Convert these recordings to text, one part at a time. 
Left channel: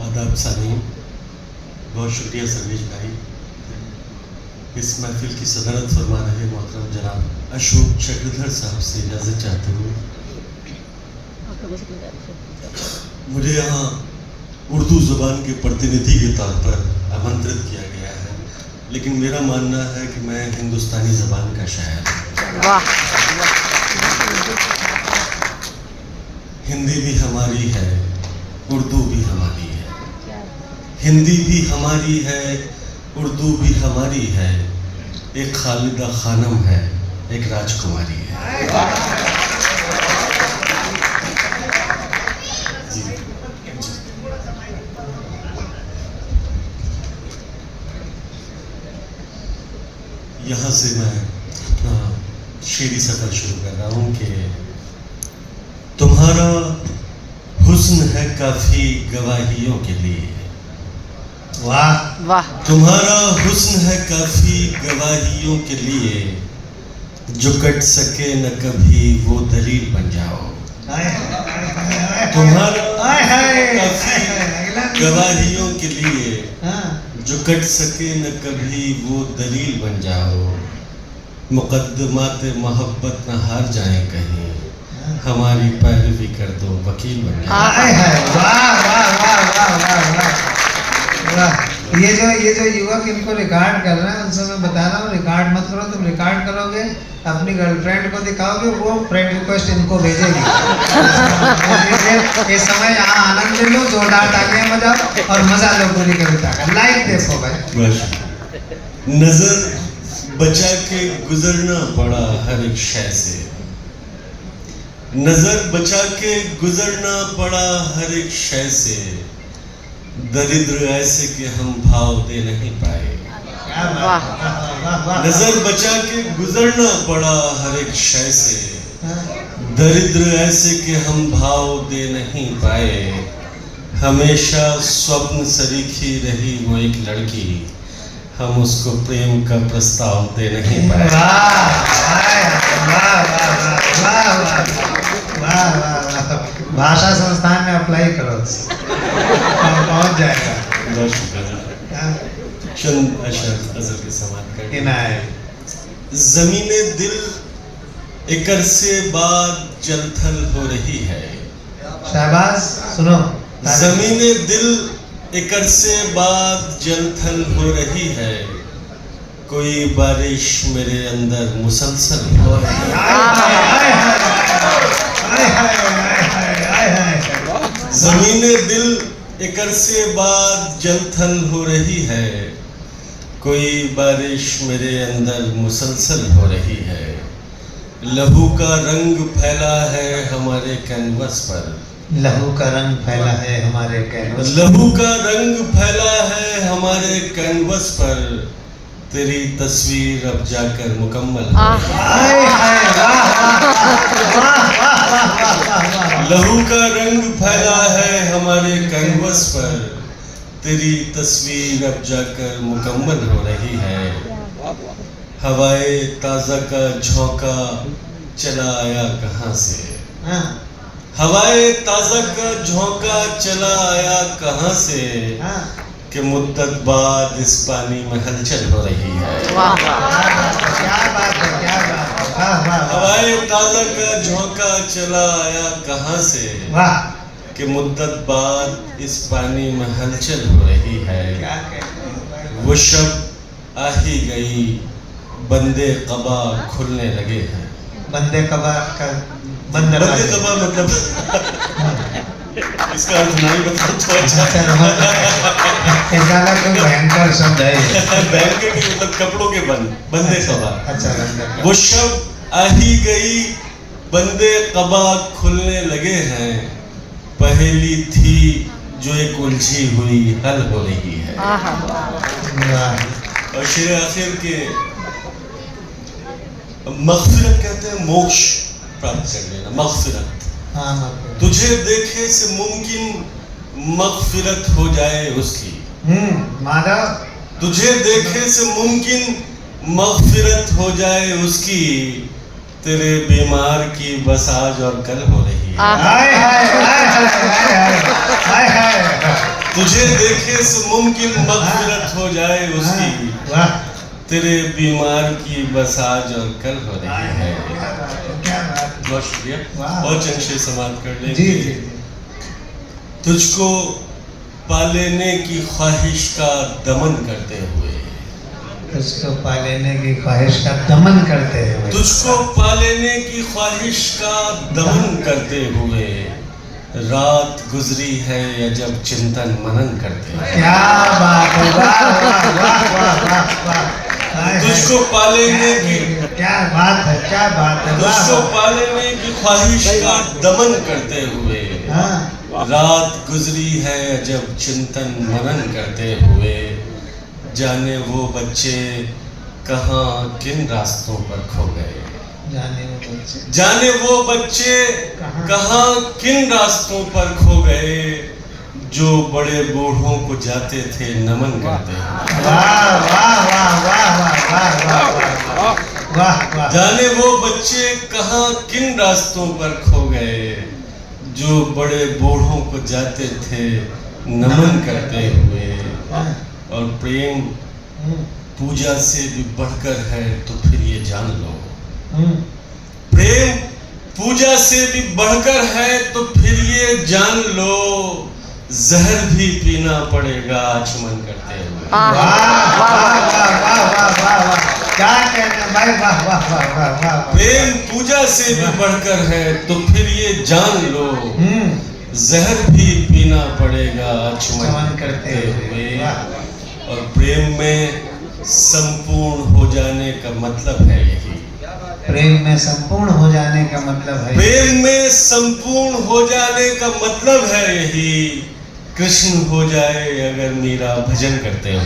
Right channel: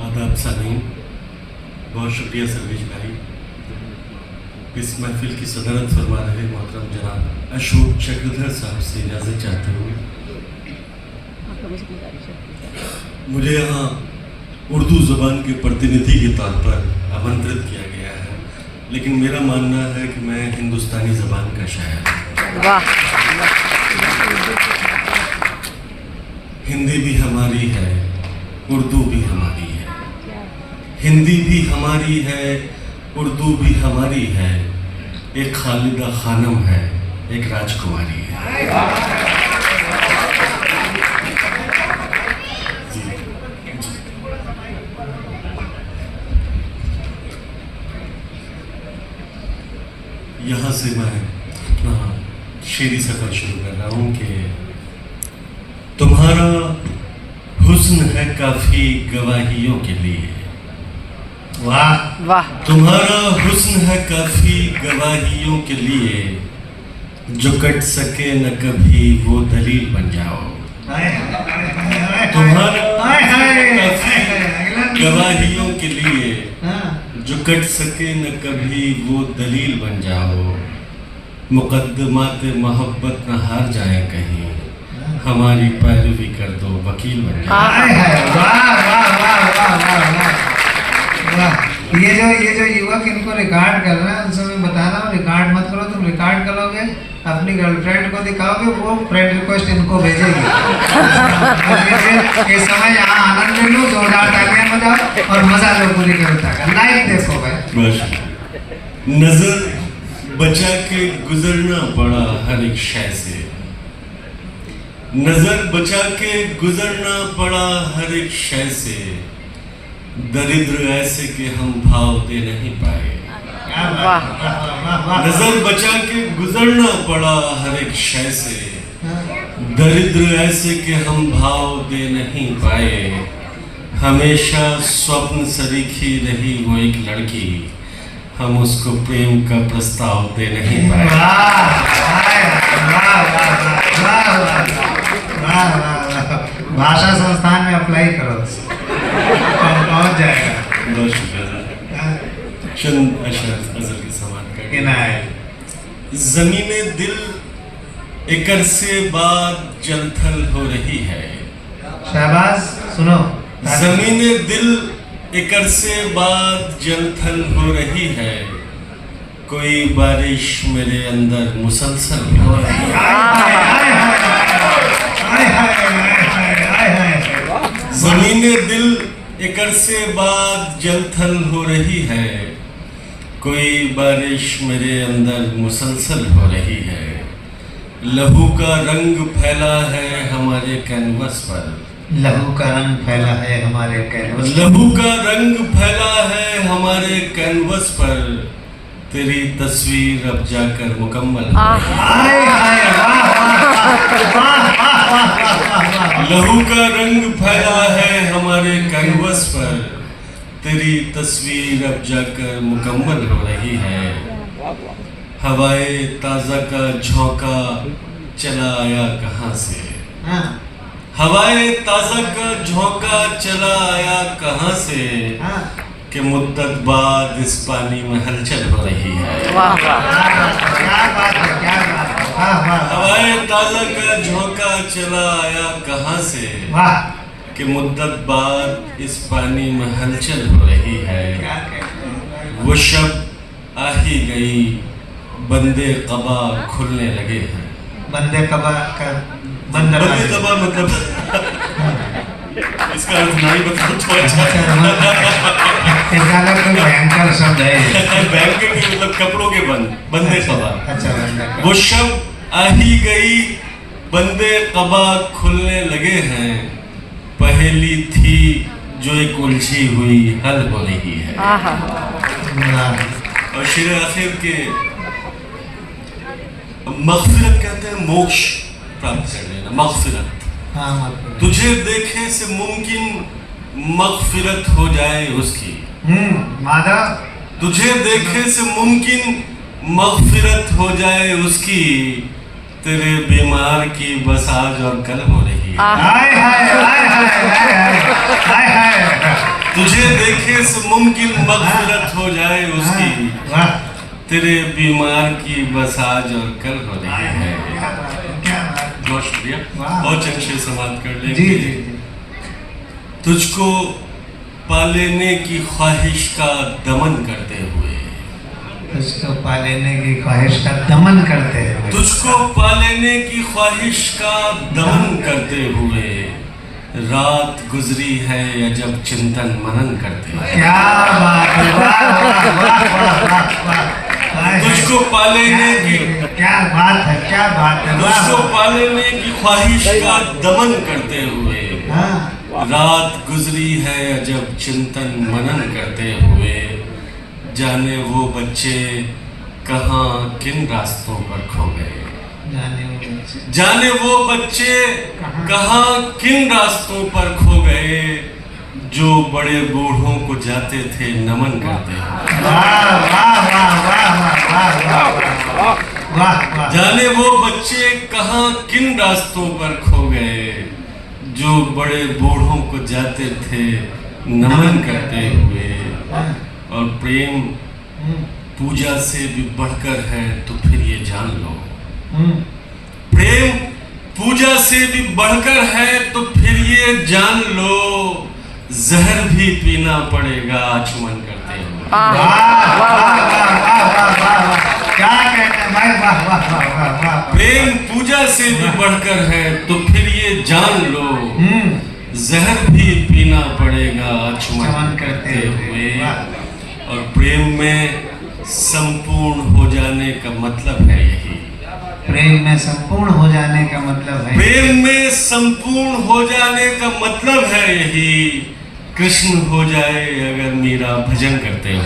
आदाब सामीन, बहुत शुक्रिया सर्वेश भाई। इस महफिल की सदारत फरमा रहे मोहतरम जनाब अशोक चक्रधर साहब से इजाज़त चाहते हुए मुझे यहाँ उर्दू ज़ुबान के प्रतिनिधि के तौर पर आमंत्रित किया गया है, लेकिन मेरा मानना है कि मैं हिंदुस्तानी ज़बान का शायर हूँ। वाह। हिंदी भी हमारी है, उर्दू भी हमारी है, हिंदी भी हमारी है, उर्दू भी हमारी है, एक खालिदा खानम है, एक राजकुमारी है। जी, जी। यहाँ से मैं अपना शेरी सफर शुरू कर रहा हूँ कि तुम्हारा हुस्न है काफी गवाहियों के लिए। वाह वाह। तुम्हारा हुस्न है काफी गवाहियों के लिए, जो कट सके न कभी वो दलील बन जाओ। तुम्हारा काफी गवाहियों के लिए, जो कट सके न कभी वो दलील बन जाओ। मुकद्दमात मोहब्बत न हार जाए कहीं, हमारी पैरवी कर दो वकील बन जाओ। ये जो युवक इनको रिकॉर्ड कर रहे हैं उनसे मैं बता रहा हूँ, रिकॉर्ड मत करो। तुम रिकॉर्ड करोगे अपनी गर्लफ्रेंड को दिखाओगे, वो फ्रेंड रिक्वेस्ट इनको भेजेगी। ये समय यहाँ आनंद लो, जोरदार तालियां बजाओ और मजा लो पूरी कविता का। लाइव देखो भाई। नजर बचा के गुजरना पड़ा हर एक शय से, नजर बचा के गुजरना पड़ा हर एक शय से, दरिद्र ऐसे कि हम भाव दे नहीं पाए। नजर बचा के गुजरना पड़ा हर एक शय से, दरिद्र ऐसे कि हम भाव दे नहीं पाए। हमेशा स्वप्न सरीखी रही वो एक लड़की, हम उसको प्रेम का प्रस्ताव दे नहीं पाए। भाषा संस्थान में अप्लाई करो, पहुंच जाएगा। बहुत शुक्रिया। चंद अशरफ अजल के समाप्त कर। ज़मीने दिल एक अरसे बाद जलथल हो रही है। शाबाश, सुनो। ज़मीने दिल एक अरसे बाद जलथल हो रही है, कोई बारिश मेरे अंदर मुसलसल हो रही है। ज़मीने दिल एक अरसे बाद जलथल हो रही है, कोई बारिश मेरे अंदर मुसलसल हो रही है। लहू का रंग फैला है हमारे कैनवस पर, लहू का रंग फैला है हमारे कैनवस। लहू का रंग फैला है हमारे कैनवस पर, तेरी तस्वीर अब जाकर मुकम्मल हो रही है। लहू का रंग फैला है हमारे कैनवस पर, तेरी तस्वीर अब जाकर मुकम्मल हो रही है। हवाए ताज़ा का झोंका चला आया कहाँ से, हवाए ताज़ा का झोंका चला आया कहाँ से, कि मुद्दत बाद इस पानी में हलचल हो रही है। हवाए ताज़ा का झोंका चला आया कहाँ से, कि मुद्दत बाद इस पानी में हलचल हो रही है। वो शब आ ही गई, बंदे कबा खुलने लगे हैं। बंदे कबा का बंदे कबा मतलब इसका अर्थ नहीं बता तो अच्छा। कोई भयंकर शब्द है। भयंकर मतलब कपड़ों के बंदे कबा। अच्छा। वो शब आ ही गई, बंदे कबा खुलने लगे हैं, पहेली थी जो एक उलझी हुई हल हो रही है। और शेर आखिर के मग़फ़िरत कहते हैं मोक्ष प्राप्त कर लेना, मग़फ़िरत। तुझे देखे से मुमकिन मग़फ़िरत हो जाए उसकी। तुझे देखे से मुमकिन मग़फ़िरत हो जाए उसकी, तेरे बीमार की बस आज और कल हो रही है। सदक़े से मुमकिन मग़फ़िरत हो जाए उसकी, वाह तेरे बीमार की बस आज और कल हो रही है। क्या बात। बहुत शुक्रिया। वाह। बहुत अच्छे समाप्त कर जी लेंगे। जी जी। तुझको पालेने की ख्वाहिश का दमन करते हुए, तुझको पालेने की ख्वाहिश का दमन करते हुए, तुझको पालेने की ख्वाहिश का दमन करते हुए रात गुजरी है अजब चिंतन मनन करते हुए। क्या बात है। वाह वाह वाह वाह वाह। तुझको पालेने की क्या बात है, क्या बात है। तुझको पालेने की ख्वाहिश का दमन करते हुए हाँ रात गुजरी है अजब चिंतन मनन करते हुए, जाने वो बच्चे कहाँ किन रास्तों पर खो गए, जाने वो बच्चे जाने वो बच्चे कहाँ किन रास्तों पर खो गए, जो बड़े बूढ़ों को जाते थे नमन करते हुए। वाह वाह वाह वाह वाह वाह वाह वाह। जाने वो बच्चे कहाँ किन रास्तों पर खो गए, जो बड़े बूढ़ों को जाते थे नमन करते हुए। और प्रेम पूजा से भी बढ़कर है तो फिर ये जान लो, प्रेम पूजा से भी बढ़कर है तो फिर ये जान लो, जहर भी पीना पड़ेगा आचमन करते हुए। वाह वाह वाह वाह वाह वाह। क्या कहना भाई, वाह वाह वाह वाह वाह। प्रेम पूजा से भी बढ़कर है तो फिर ये जान लो, जहर भी पीना पड़ेगा आचमन करते हुए। और प्रेम में संपूर्ण हो जाने का मतलब है यही, प्रेम में संपूर्ण हो जाने का मतलब है, प्रेम में संपूर्ण हो जाने का मतलब है यही, कृष्ण हो जाए अगर मीरा भजन करते हो। वाह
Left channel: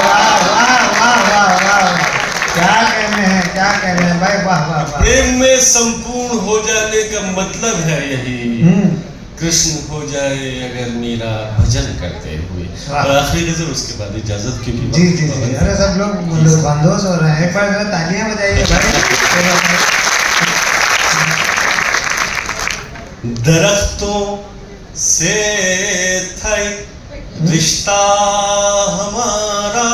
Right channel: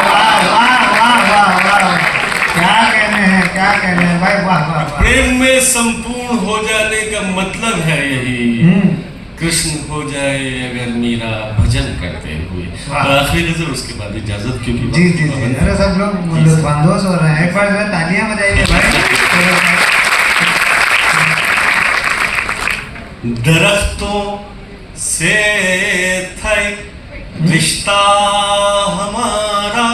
वाह वाह वाह वाह वाह। क्या कहने हैं, क्या कहने हैं भाई, वाह वाह वाह। प्रेम में संपूर्ण हो जाने का मतलब है यही, कृष्ण हो जाए अगर मीरा भजन करते हुए। और आखिरी गजल उसके बाद इजाजत, क्योंकि जी जी जी। अरे सब लोग लुत्फानंदोज हो रहे हैं, एक बार जो है तालियां बजाइए भाई। दरख्तों से था रिश्ता हमारा,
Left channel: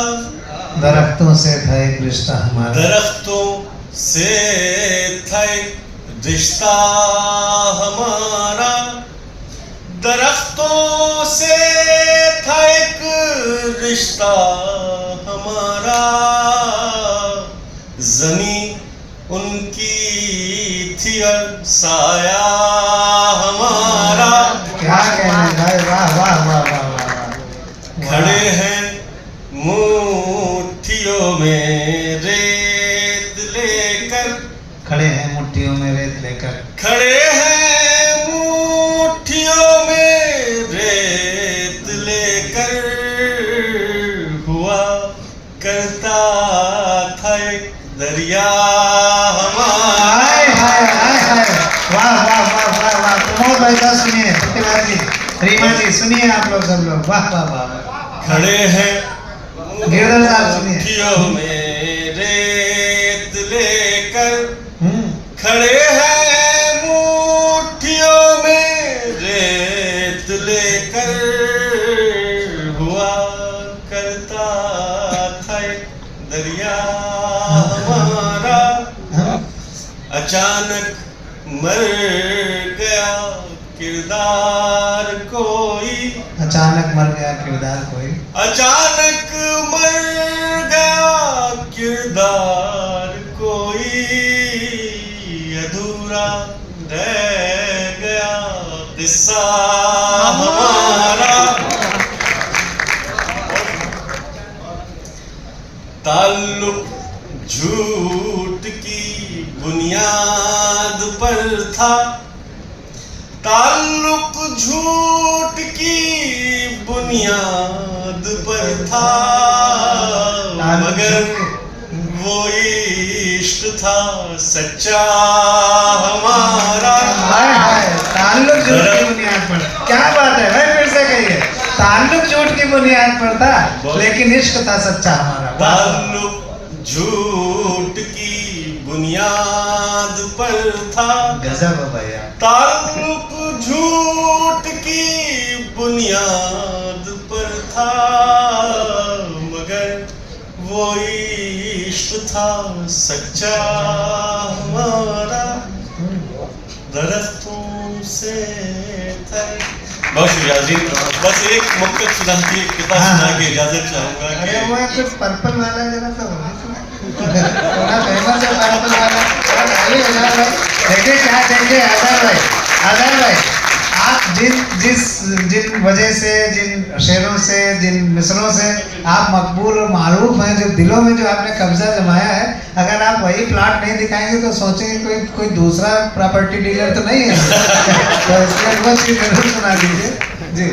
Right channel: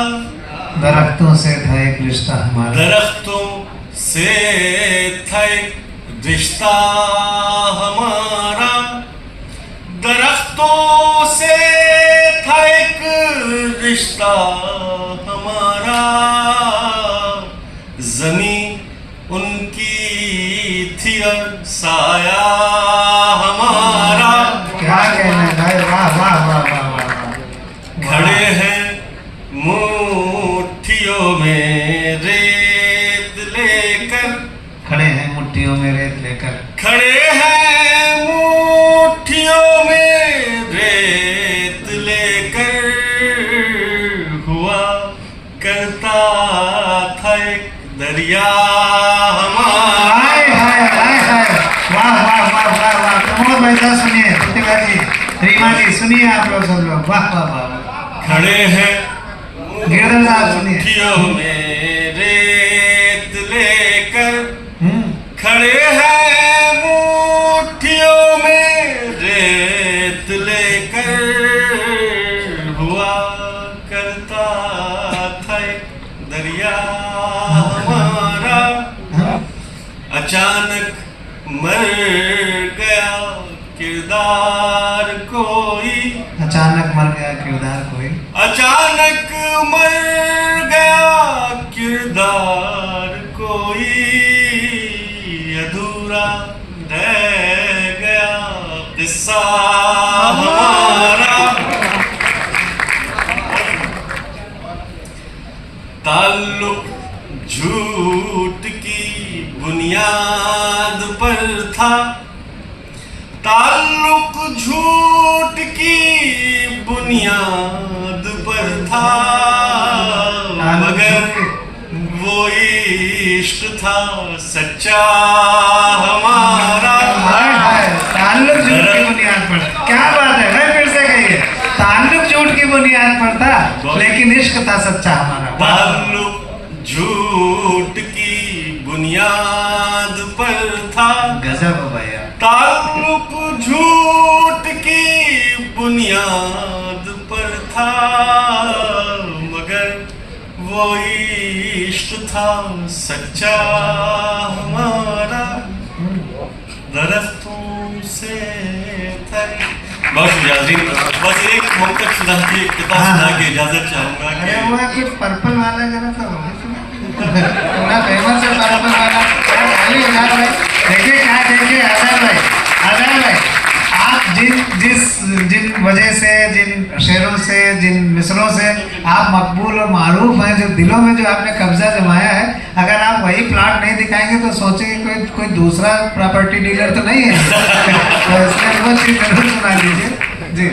दरख्तों से था एक रिश्ता हमारा, दरख्तों से था रिश्ता हमारा, दरख्तों से था एक रिश्ता हमारा, ज़मीं उनकी थी और साया हमारा। क्या कहने भाई, वाह वाह वाह वाह वाह। खड़े हैं मुट्ठियों में रेत लेकर, खड़े हैं मुट्ठियों में रेत लेकर, खड़े हैं मुट्ठियों में रेत लेकर, हुआ करता था एक दरिया हमारा। हाय हाय हाय हाय। वाह वाह वाह वाह वाह। प्रमोद भाई साहब सुनिए, प्रतिभा जी, रीमा जी सुनिए, आप लोग सब लोग, वाह वाह वाह। खड़े हैं गिरधर साहब सुनिए। मुट्ठियों में रेत लेकर, खड़े हैं मुट्ठियों में रेत लेकर, हुआ करता था एक दरिया हमारा, अचानक मर गया किरदार कोई, अचानक मर गया किरदार कोई, अचानक मर गया किरदार कोई, अधूरा रह गया किस्सा हमारा। ताल्लुक झूठ की बुनियाद पर था, ताल्लुक झूठ की बुनियाद पर था, मगर वो इश्क था सच्चा हमारा। ताल्लुक झूठ की बुनियाद पर, क्या बात है भाई, फिर से कहिए। ताल्लुक झूठ की बुनियाद पर था लेकिन इश्क था सच्चा हमारा। ताल्लुक झूठ की बुनियाद पर था, गजब है भैया। ताल्लुक झूठ की बुनियाद पर था, था सच्चा हमारा दरख्तों से तय। बहुत शुक्रिया जी। बस एक मुक्तक सुना के किताब सुना के इजाजत चाहूंगा अरे कि वो कुछ पर्पल वाला जरा सा थोड़ा फेमस है पर्पल वाला। अरे आजाद भाई देखिए क्या कहेंगे आजाद भाई आप जिन वजह से जिन शेरों से जिन मिसरों से आप मकबूल और मारूफ हैं, जो दिलों में जो आपने कब्जा जमाया है, अगर आप वही प्लाट नहीं दिखाएंगे तो सोचेंगे कोई दूसरा प्रॉपर्टी डीलर तो नहीं है। तो इसलिए हमको चीज जरूर सुना दीजिए जी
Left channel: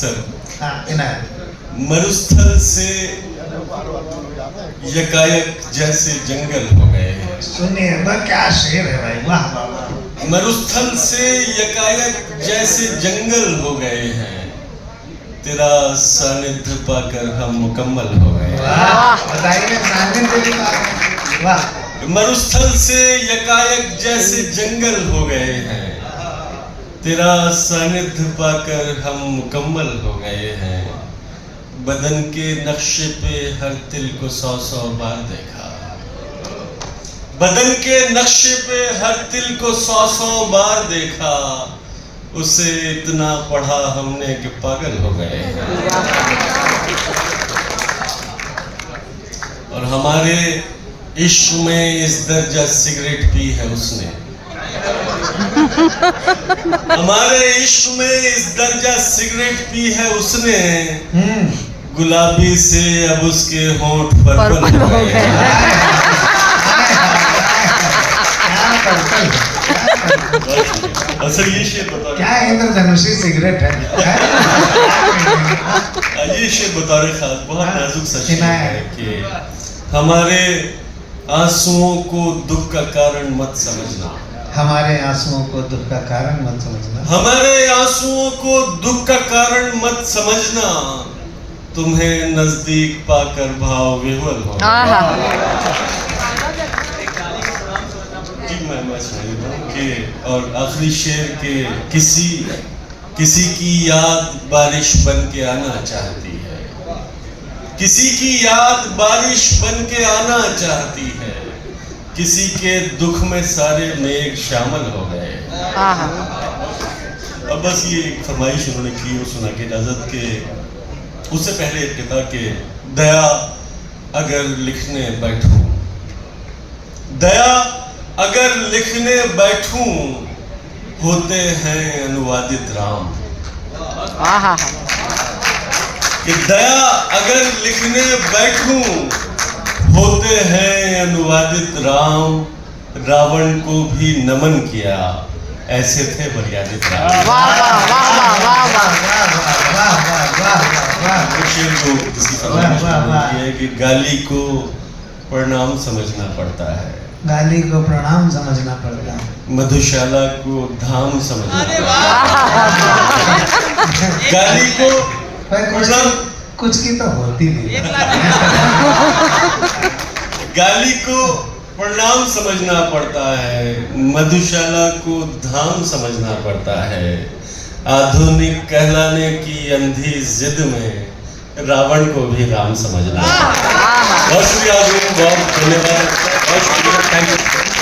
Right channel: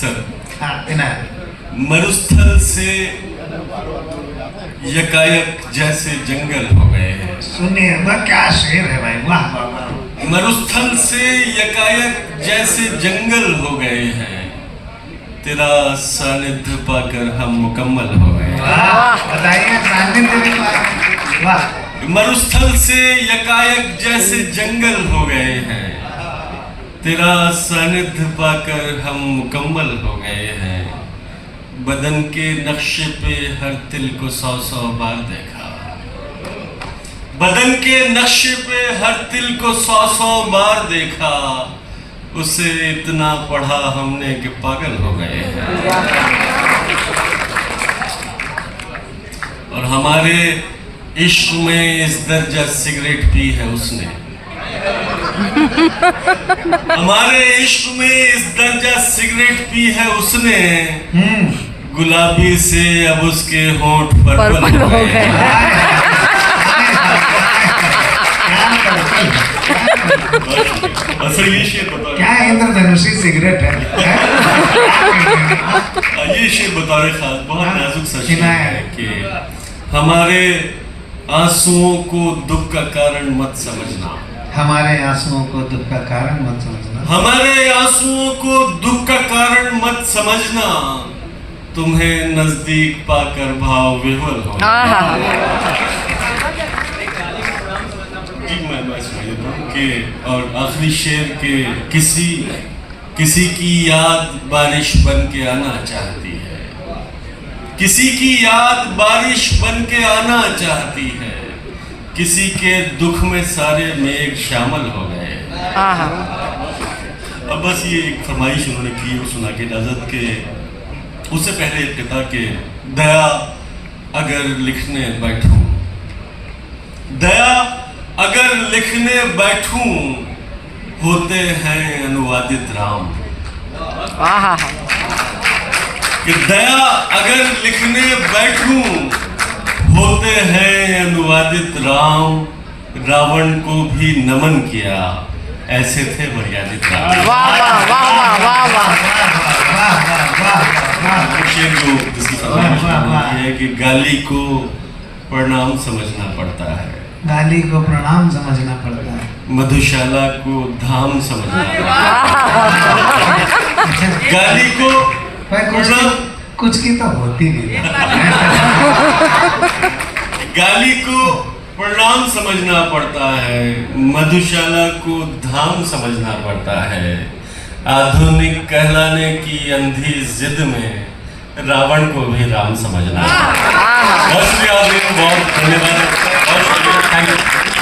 सर। हाँ इनायत। मरुस्थल से यकायक जैसे जंगल हो गए हैं। सुनिए वाह क्या शेर है भाई, वाह वाह वाह। मरुस्थल से यकायक जैसे जंगल हो गए हैं, तेरा सानिध्य पाकर हम मुकम्मल हो गए हैं। वाह बताइए सानिध्य भी पाकर, वाह। मरुस्थल से यकायक जैसे जंगल हो गए हैं, तेरा सानिध्य पाकर हम मुकम्मल हो गए हैं। बदन के नक्शे पे हर तिल को 100 बार देखा, बदन के नक्शे पे हर तिल को 100 बार देखा, उसे इतना पढ़ा हमने कि पागल हो गए हैं। और हमारे इश्क में इस दर्जा सिगरेट पी है उसने, हमारे इश्क में इस दर्जा सिगरेट पी है उसने, गुलाबी से अब उसके होंठ पर्पल हो गए। सर ये शेर बता, क्या इंद्रधनुषी सिगरेट है। ये शेर बता रहे खास बहुत नाजुक सा शेर सुना है है। कि हमारे आंसुओं को दुख का कारण मत समझना, हमारे आंसुओं को दुख का कारण मत समझना, हमारे आंसुओं को दुख का कारण मत समझना, तुम्हें नजदीक पाकर भाव विह्वल हो। कि और आखिरी शेर के किसी की याद बारिश बन के आना चाहती है, किसी की याद बारिश बन के आना चाहती है, किसी के दुख में सारे मेघ शामिल हो गए। अब बस ये एक फरमाइश उन्होंने की और सुना के इजाजत के उससे पहले एक कहता कि दया अगर लिखने बैठूं, दया अगर लिखने बैठूं, होते हैं अनुवादित राम। कि दया अगर लिखने बैठूं, होते हैं अनुवादित राम, रावण को भी नमन किया, ऐसे थे मर्यादित राम। वाह वाह वाह वाह वाह वाह। शेर को किसी फरमाइश है कि गाली को प्रणाम समझना पड़ता है, गाली को प्रणाम समझना पड़ता है, मधुशाला को धाम समझना पड़ता है। गाली को कुछ की तो होती नहीं। गाली को प्रणाम समझना पड़ता है, मधुशाला को धाम समझना पड़ता है। आधुनिक कहलाने की अंधी जिद में रावण को भी राम समझना। बहुत शुक्रिया, बहुत धन्यवाद, बहुत शुक्रिया, थैंक यू।